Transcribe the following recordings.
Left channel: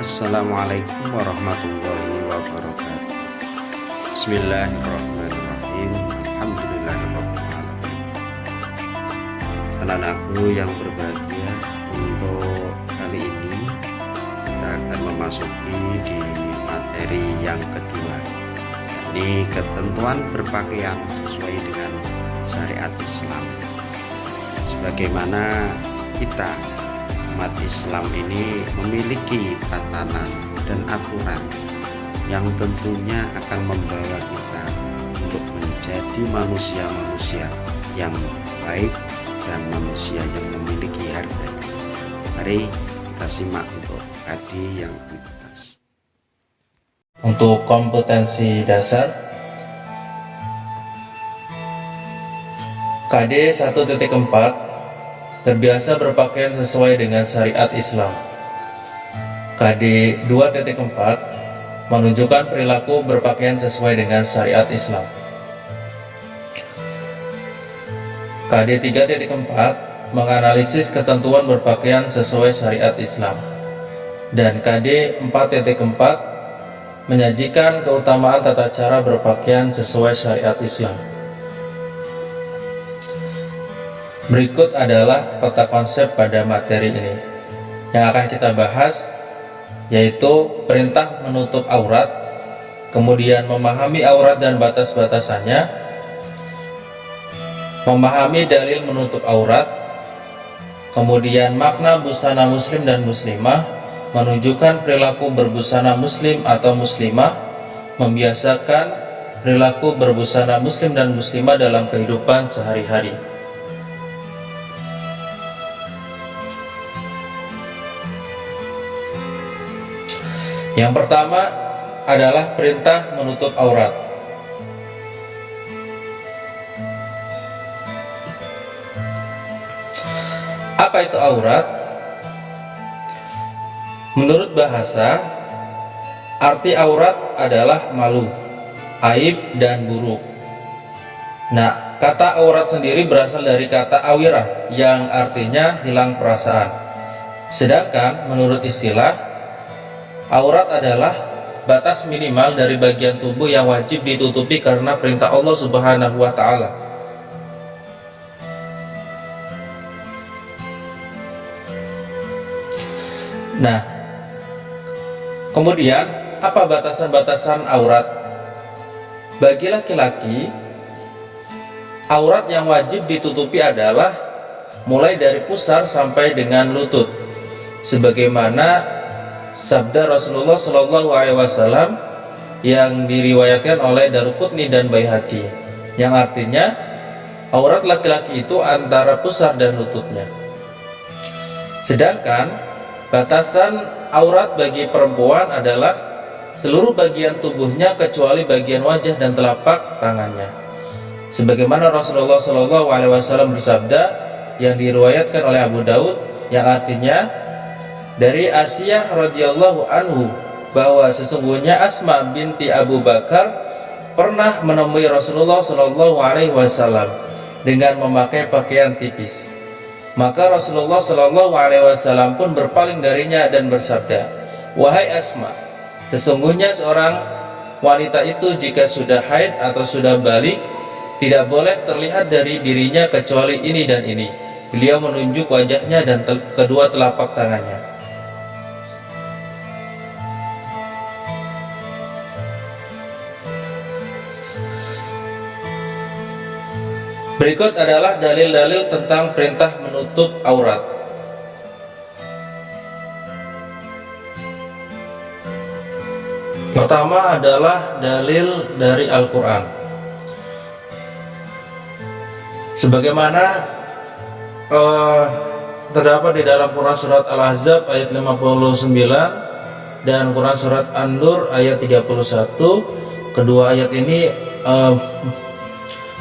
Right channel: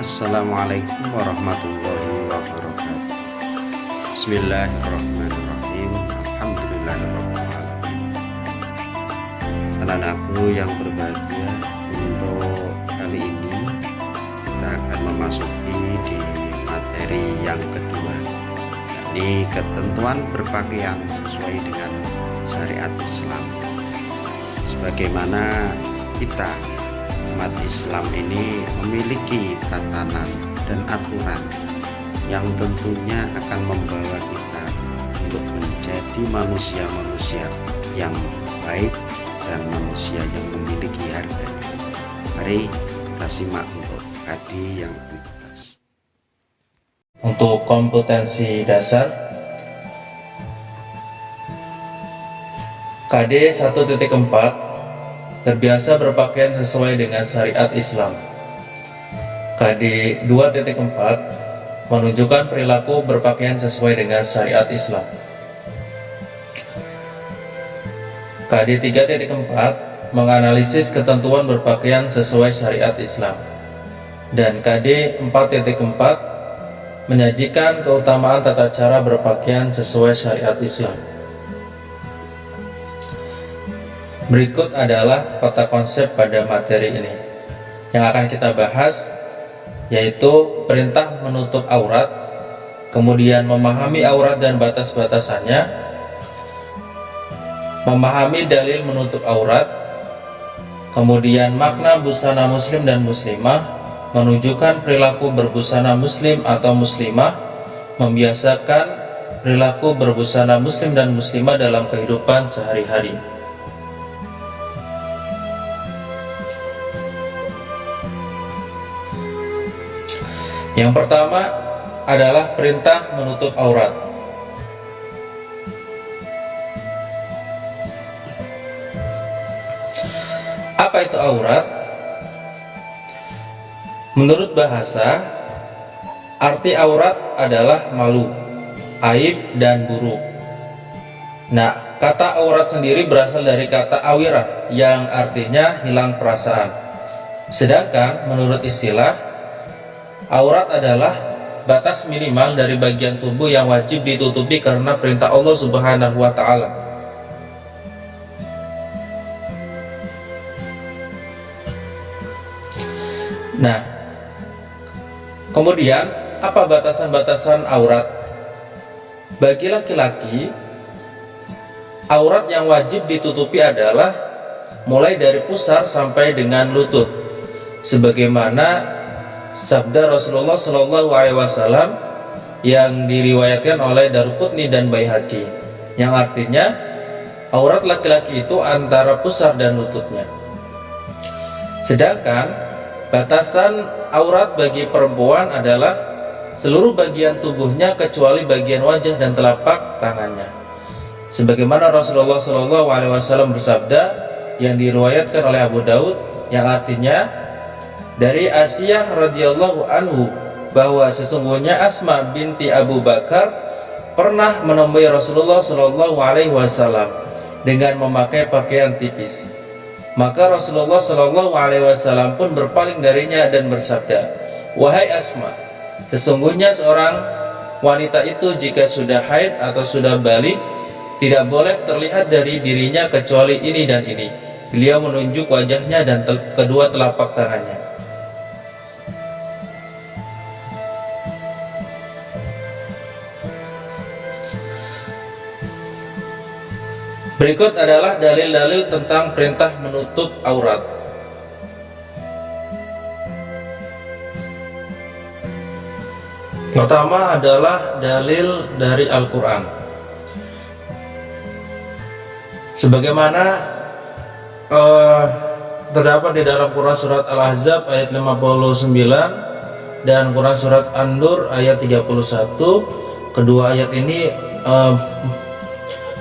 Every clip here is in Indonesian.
Assalamualaikum warahmatullahi wabarakatuh. Bismillahirrahmanirrahim. Alhamdulillahirrahmanirrahim. Anak-anakku yang berbahagia, untuk kali ini kita akan memasuki di materi yang kedua, yakni ketentuan berpakaian sesuai dengan syariat Islam. Sebagaimana kita umat Islam ini memiliki tatanan dan aturan yang tentunya akan membawa kita untuk menjadi manusia-manusia yang baik dan manusia yang memiliki harga diri. Mari kita simak untuk KD yang dibahas. Untuk kompetensi dasar KD 1.4, terbiasa berpakaian sesuai dengan syariat Islam. KD 2.4, menunjukkan perilaku berpakaian sesuai dengan syariat Islam. KD 3.4, menganalisis ketentuan berpakaian sesuai syariat Islam. Dan KD 4.4, menyajikan keutamaan tata cara berpakaian sesuai syariat Islam. Berikut adalah peta konsep pada materi ini. Yang akan kita bahas yaitu perintah menutup aurat, kemudian memahami aurat dan batas-batasannya, memahami dalil menutup aurat, kemudian makna busana muslim dan muslimah, menunjukkan perilaku berbusana muslim atau muslimah, membiasakan perilaku berbusana muslim dan muslimah dalam kehidupan sehari-hari. Yang pertama adalah perintah menutup aurat. Apa itu aurat? Menurut bahasa, arti aurat adalah malu, aib, dan buruk. Nah, kata aurat sendiri berasal dari kata awirah yang artinya hilang perasaan. Sedangkan menurut istilah, aurat adalah batas minimal dari bagian tubuh yang wajib ditutupi karena perintah Allah Subhanahu wa Ta'ala. Nah, kemudian apa batasan-batasan aurat? Bagi laki-laki, aurat yang wajib ditutupi adalah mulai dari pusar sampai dengan lutut, sebagaimana sabda Rasulullah Shallallahu Alaihi Wasallam yang diriwayatkan oleh Daruqutni dan Baihaqi, yang artinya aurat laki-laki itu antara pusar dan lututnya. Sedangkan batasan aurat bagi perempuan adalah seluruh bagian tubuhnya kecuali bagian wajah dan telapak tangannya, sebagaimana Rasulullah Shallallahu Alaihi Wasallam bersabda yang diriwayatkan oleh Abu Daud, yang artinya dari Asiyah radhiyallahu anhu bahwa sesungguhnya Asma binti Abu Bakar pernah menemui Rasulullah Shallallahu Alaihi Wasallam dengan memakai pakaian tipis. Maka Rasulullah Shallallahu Alaihi Wasallam pun berpaling darinya dan bersabda, "Wahai Asma, sesungguhnya seorang wanita itu jika sudah haid atau sudah balik tidak boleh terlihat dari dirinya kecuali ini dan ini." Beliau menunjuk wajahnya dan kedua telapak tangannya. Berikut adalah dalil-dalil tentang perintah menutup aurat. Pertama adalah dalil dari Al-Quran. Sebagaimana terdapat di dalam Quran Surat Al-Ahzab ayat 59 dan Quran Surat An-Nur ayat 31. Kedua ayat ini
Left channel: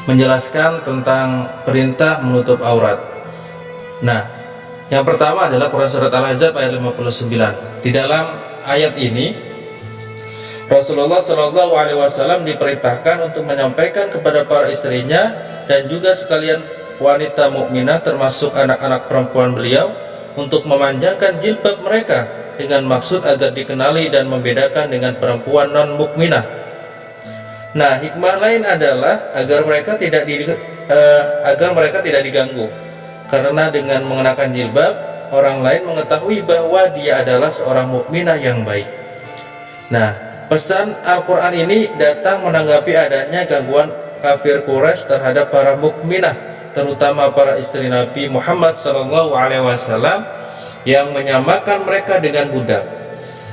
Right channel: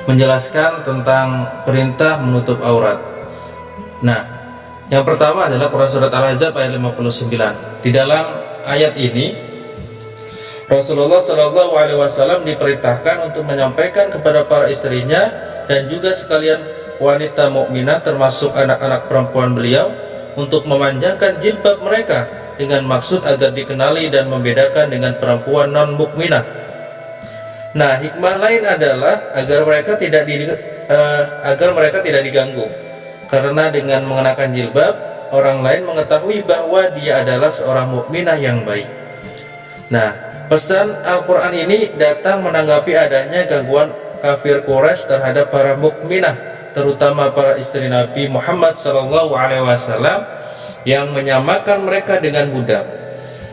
menjelaskan tentang perintah menutup aurat. Nah, yang pertama adalah Quran Surat Al-Ahzab ayat 59. Di dalam ayat ini Rasulullah Shallallahu Alaihi Wasallam diperintahkan untuk menyampaikan kepada para istrinya dan juga sekalian wanita mukminah termasuk anak-anak perempuan beliau untuk memanjangkan jilbab mereka dengan maksud agar dikenali dan membedakan dengan perempuan non-mukminah. Nah, hikmah lain adalah agar mereka tidak diganggu. Karena dengan mengenakan jilbab, orang lain mengetahui bahwa dia adalah seorang mukminah yang baik. Nah, pesan Al-Quran ini datang menanggapi adanya gangguan kafir Quraisy terhadap para mukminah, terutama para istri Nabi Muhammad SAW yang menyamakan mereka dengan budak.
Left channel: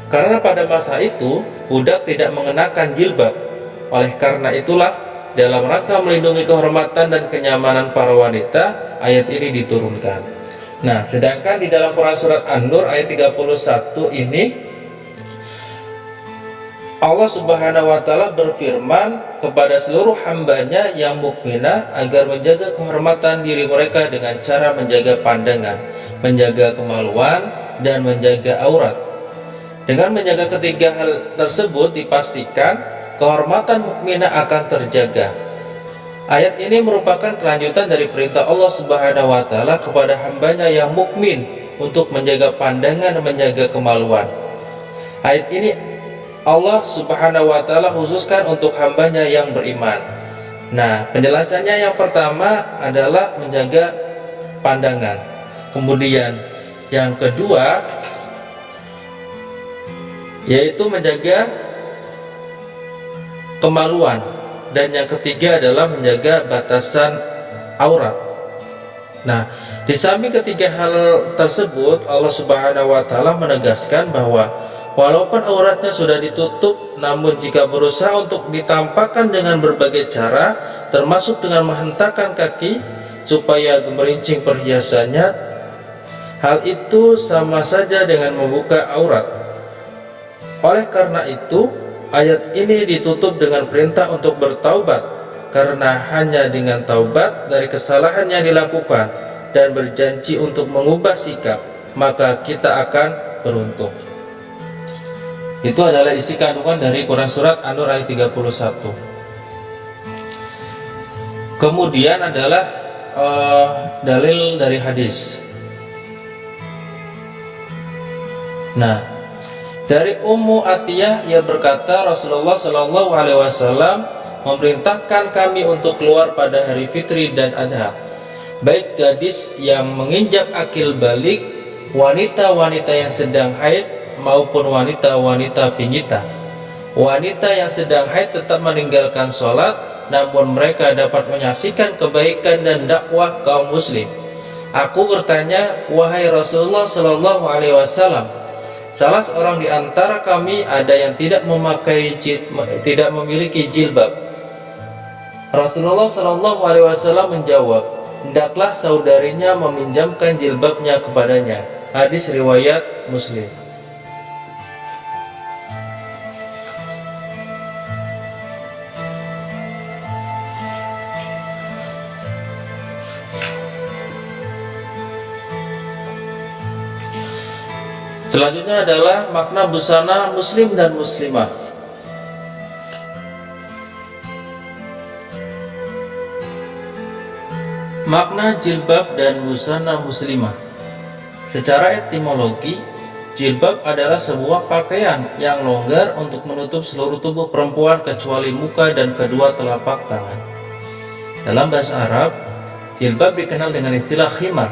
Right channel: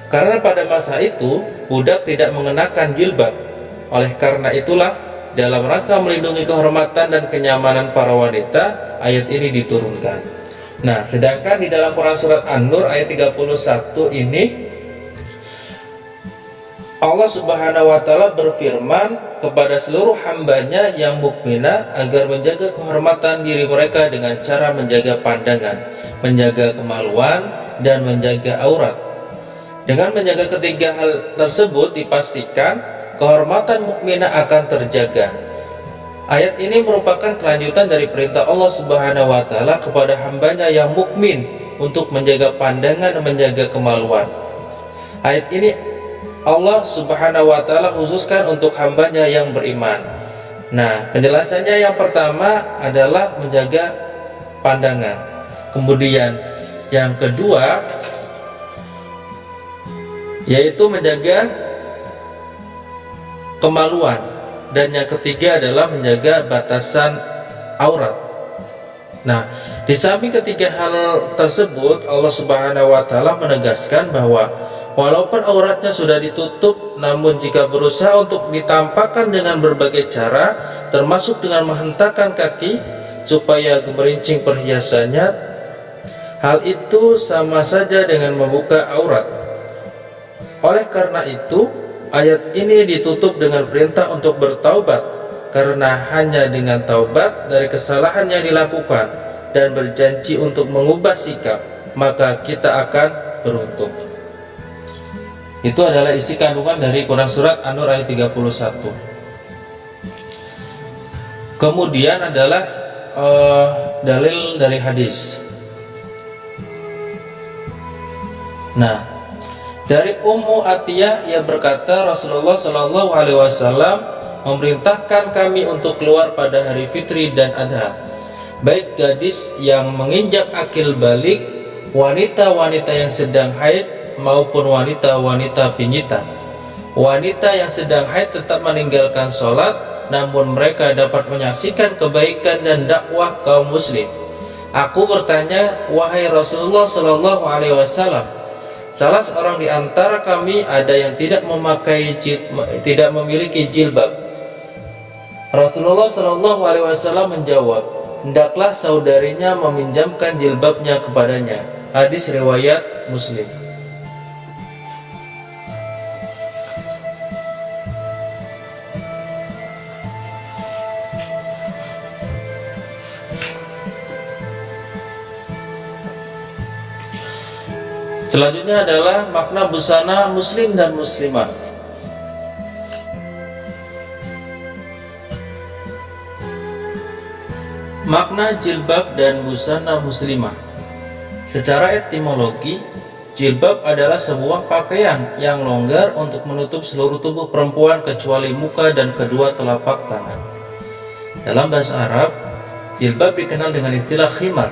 Karena pada masa itu budak tidak mengenakan jilbab. Oleh karena itulah, dalam rangka melindungi kehormatan dan kenyamanan para wanita, ayat ini diturunkan. Nah, sedangkan di dalam Quran surat An-Nur ayat 31 ini Allah Subhanahu wa Ta'ala berfirman kepada seluruh hambanya yang mukminah agar menjaga kehormatan diri mereka dengan cara menjaga pandangan, menjaga kemaluan, dan menjaga aurat. Dengan menjaga ketiga hal tersebut dipastikan kehormatan mukminah akan terjaga. Ayat ini merupakan kelanjutan dari perintah Allah Subhanahu wa Ta'ala kepada hambanya yang mukmin untuk menjaga pandangan dan menjaga kemaluan. Ayat ini Allah Subhanahu wa Ta'ala khususkan untuk hambanya yang beriman. Nah, penjelasannya yang pertama adalah menjaga pandangan. Kemudian yang kedua yaitu menjaga kemaluan, dan yang ketiga adalah menjaga batasan aurat. Nah, di samping ketiga hal tersebut, Allah Subhanahu wa Ta'ala menegaskan bahwa walaupun auratnya sudah ditutup, namun jika berusaha untuk ditampakkan dengan berbagai cara, termasuk dengan menghentakkan kaki supaya gemerincing perhiasannya, hal itu sama saja dengan membuka aurat. Oleh karena itu, ayat ini ditutup dengan perintah untuk bertaubat, karena hanya dengan taubat dari kesalahan yang dilakukan dan berjanji untuk mengubah sikap, maka kita akan beruntung. Itu adalah isi kandungan dari Quran surat An-Nur ayat 31. Kemudian adalah dalil dari hadis. Nah, dari Ummu Atiyah, ia berkata, Rasulullah Shallallahu Alaihi Wasallam memerintahkan kami untuk keluar pada hari Fitri dan Adha, baik gadis yang menginjak akil balik, wanita-wanita yang sedang haid, maupun wanita-wanita pingitan. Wanita yang sedang haid tetap meninggalkan sholat, namun mereka dapat menyaksikan kebaikan dan dakwah kaum muslim. Aku bertanya, wahai Rasulullah Shallallahu Alaihi Wasallam, salah seorang di antara kami ada yang tidak memiliki jilbab. Rasulullah Shallallahu Alaihi Wasallam menjawab, hendaklah saudarinya meminjamkan jilbabnya kepadanya. Hadis riwayat Muslim. Selanjutnya adalah makna busana muslim dan muslimah. Makna jilbab dan busana muslimah. Secara etimologi, jilbab adalah sebuah pakaian yang longgar untuk menutup seluruh tubuh perempuan kecuali muka dan kedua telapak tangan. Dalam bahasa Arab, jilbab dikenal dengan istilah khimar.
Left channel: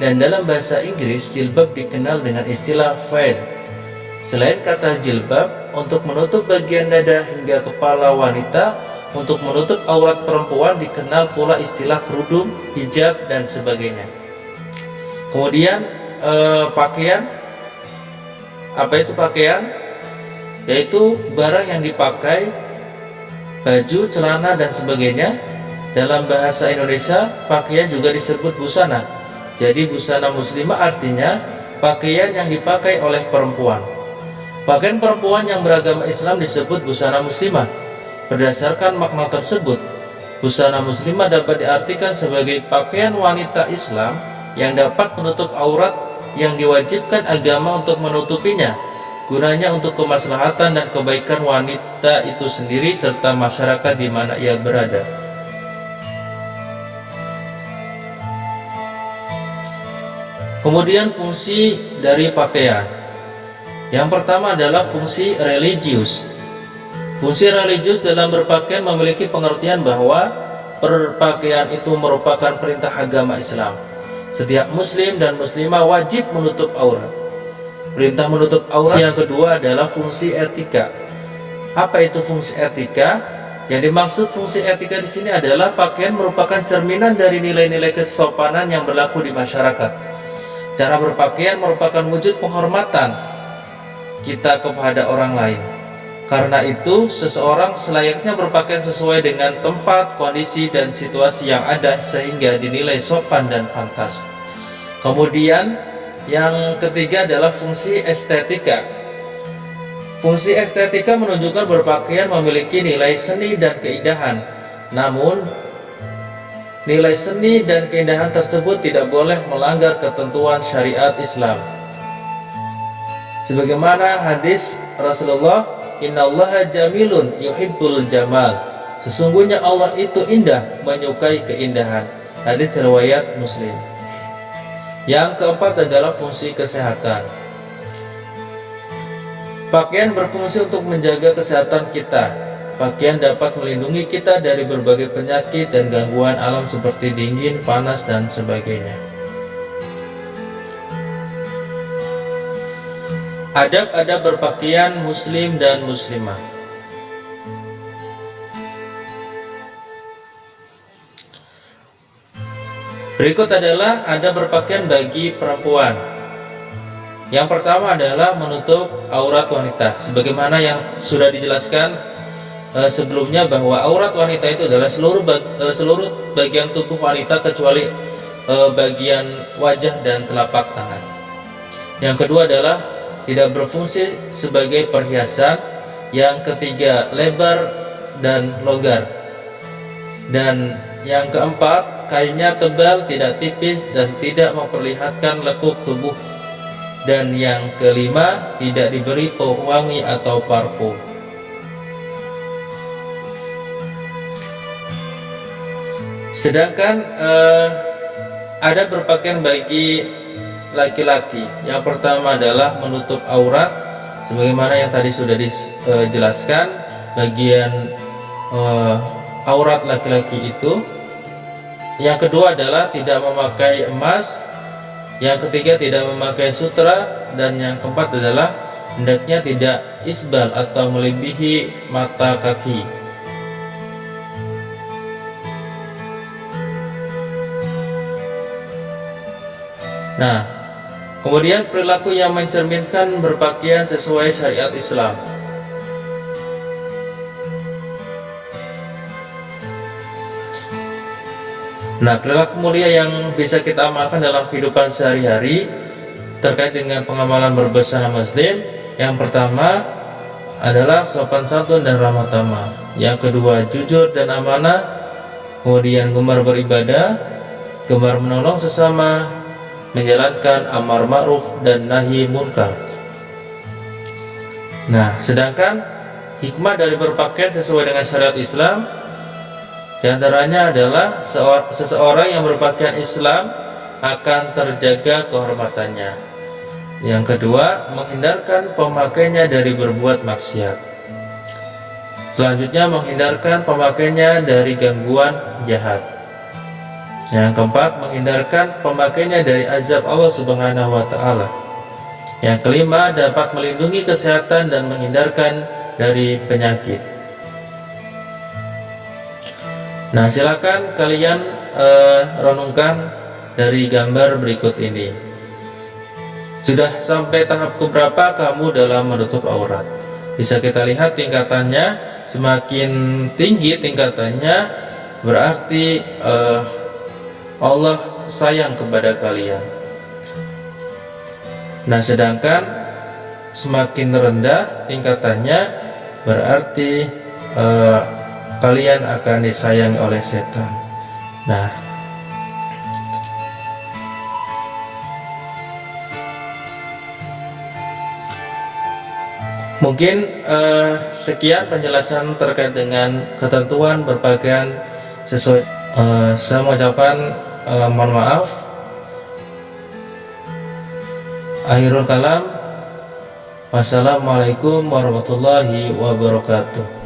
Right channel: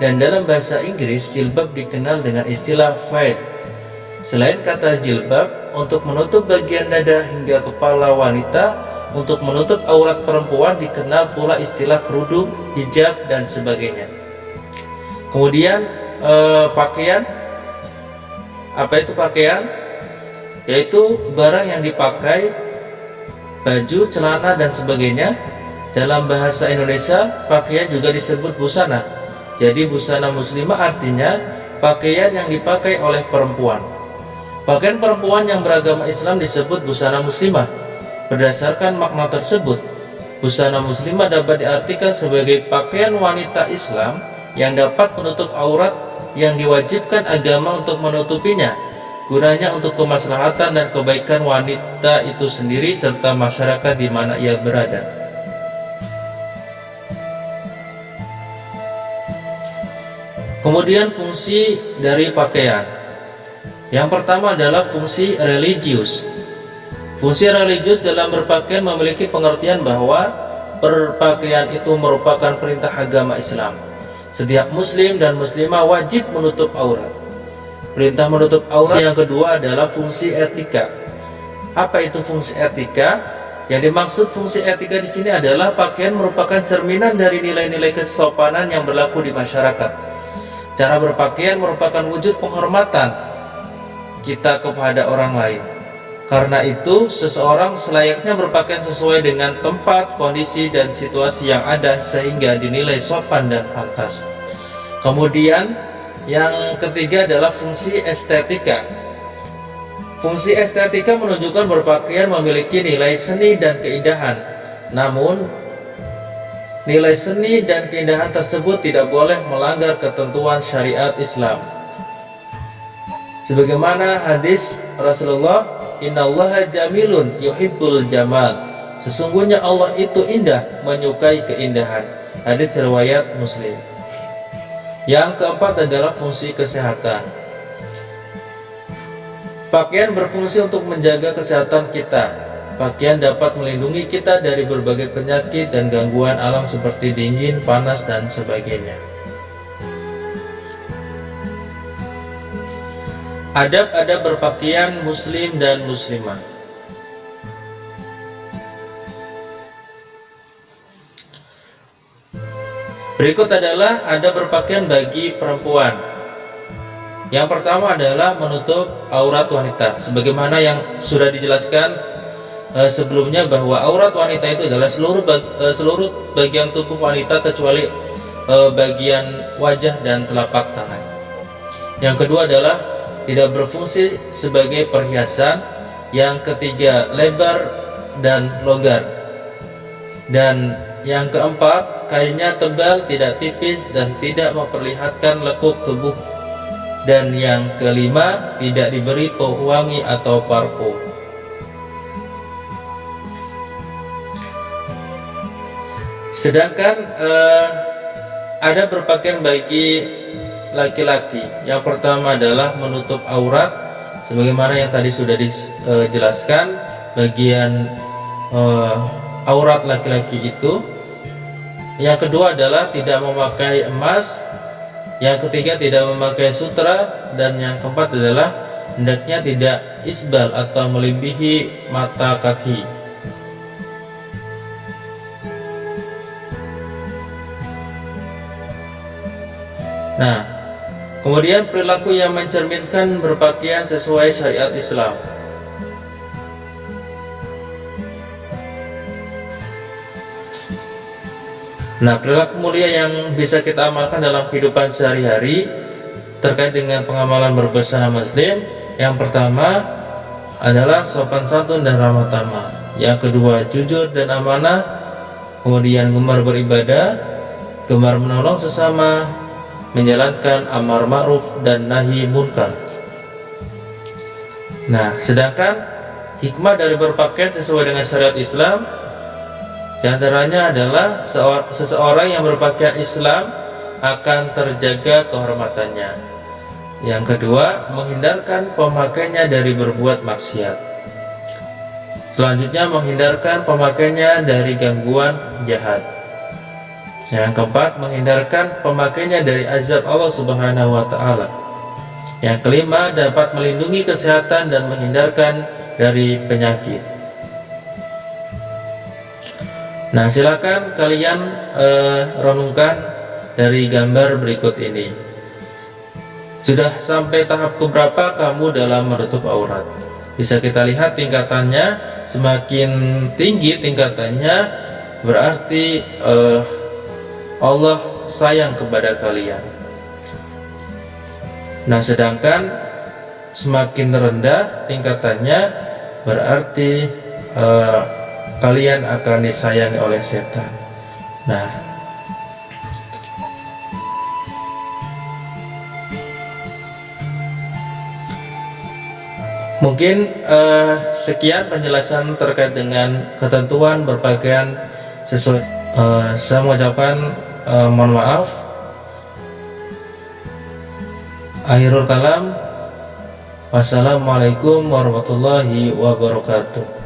Dan dalam bahasa Inggris, jilbab dikenal dengan istilah veil. Selain kata jilbab, untuk menutup bagian dada hingga kepala wanita, untuk menutup aurat perempuan dikenal pula istilah kerudung, hijab, dan sebagainya. Kemudian pakaian. Apa itu pakaian? Yaitu barang yang dipakai, baju, celana, dan sebagainya. Dalam bahasa Indonesia, pakaian juga disebut busana. Jadi busana muslimah artinya pakaian yang dipakai oleh perempuan. Pakaian perempuan yang beragama Islam disebut busana muslimah. Berdasarkan makna tersebut, busana muslimah dapat diartikan sebagai pakaian wanita Islam yang dapat menutup aurat yang diwajibkan agama untuk menutupinya, gunanya untuk kemaslahatan dan kebaikan wanita itu sendiri serta masyarakat di mana ia berada. Kemudian fungsi dari pakaian. Yang pertama adalah fungsi religius. Fungsi religius dalam berpakaian memiliki pengertian bahwa berpakaian itu merupakan perintah agama Islam. Setiap muslim dan muslimah wajib menutup aurat. Perintah menutup aurat. Yang kedua adalah fungsi etika. Apa itu fungsi etika? Yang dimaksud fungsi etika di sini adalah pakaian merupakan cerminan dari nilai-nilai kesopanan yang berlaku di masyarakat. Cara berpakaian merupakan wujud penghormatan kita kepada orang lain. Karena itu, seseorang selayaknya berpakaian sesuai dengan tempat, kondisi, dan situasi yang ada sehingga dinilai sopan dan pantas. Kemudian, yang ketiga adalah fungsi estetika. Fungsi estetika menunjukkan berpakaian memiliki nilai seni dan keindahan. Namun, nilai seni dan keindahan tersebut tidak boleh melanggar ketentuan syariat Islam. Sebagaimana hadis Rasulullah, "Innallaha jamilun yuhibbul jamal." Sesungguhnya Allah itu indah, menyukai keindahan. Hadis riwayat Muslim. Yang keempat adalah fungsi kesehatan. Pakaian berfungsi untuk menjaga kesehatan kita. Pakaian dapat melindungi kita dari berbagai penyakit dan gangguan alam seperti dingin, panas, dan sebagainya. Adab-adab berpakaian muslim dan muslimah. Berikut adalah adab berpakaian bagi perempuan. Yang pertama adalah menutup aurat wanita. Sebagaimana yang sudah dijelaskan sebelumnya bahwa aurat wanita itu adalah seluruh bagian tubuh wanita kecuali bagian wajah dan telapak tangan. Yang kedua adalah tidak berfungsi sebagai perhiasan. Yang ketiga, lebar dan longgar. Dan yang keempat, kainnya tebal, tidak tipis, dan tidak memperlihatkan lekuk tubuh. Dan yang kelima, tidak diberi pewangi atau parfum. Sedangkan ada berpakaian bagi laki-laki. Yang pertama adalah menutup aurat, sebagaimana yang tadi sudah dijelaskan. Bagian aurat laki-laki itu. Yang kedua adalah tidak memakai emas. Yang ketiga, tidak memakai sutra. Dan yang keempat adalah hendaknya tidak isbal atau melebihi mata kaki. Nah, kemudian perilaku yang mencerminkan berpakaian sesuai syariat Islam. Nah, perilaku mulia yang bisa kita amalkan dalam kehidupan sehari-hari terkait dengan pengamalan berbusana muslim. Yang pertama adalah sopan santun dan ramah tamah. Yang kedua, jujur dan amanah. Kemudian gemar beribadah, gemar menolong sesama, menjalankan amar ma'ruf dan nahi munkar. Nah, sedangkan hikmah dari berpakaian sesuai dengan syariat Islam, di antaranya adalah seseorang yang berpakaian Islam akan terjaga kehormatannya. Yang kedua, menghindarkan pemakainya dari berbuat maksiat. Selanjutnya, menghindarkan pemakainya dari gangguan jahat. Yang keempat, menghindarkan pemakainya dari azab Allah Subhanahu wa Ta'ala. Yang kelima, dapat melindungi kesehatan dan menghindarkan dari penyakit. Nah, silakan kalian renungkan dari gambar berikut ini. Sudah sampai tahap keberapa kamu dalam menutup aurat? Bisa kita lihat tingkatannya. Semakin tinggi tingkatannya, berarti Allah sayang kepada kalian. Nah, sedangkan semakin rendah tingkatannya, berarti kalian akan disayangi oleh setan. Nah, mungkin sekian penjelasan terkait dengan ketentuan berpakaian sesuai. Saya mengucapkan mohon maaf. Akhirul kalam, Wassalamualaikum warahmatullahi wabarakatuh.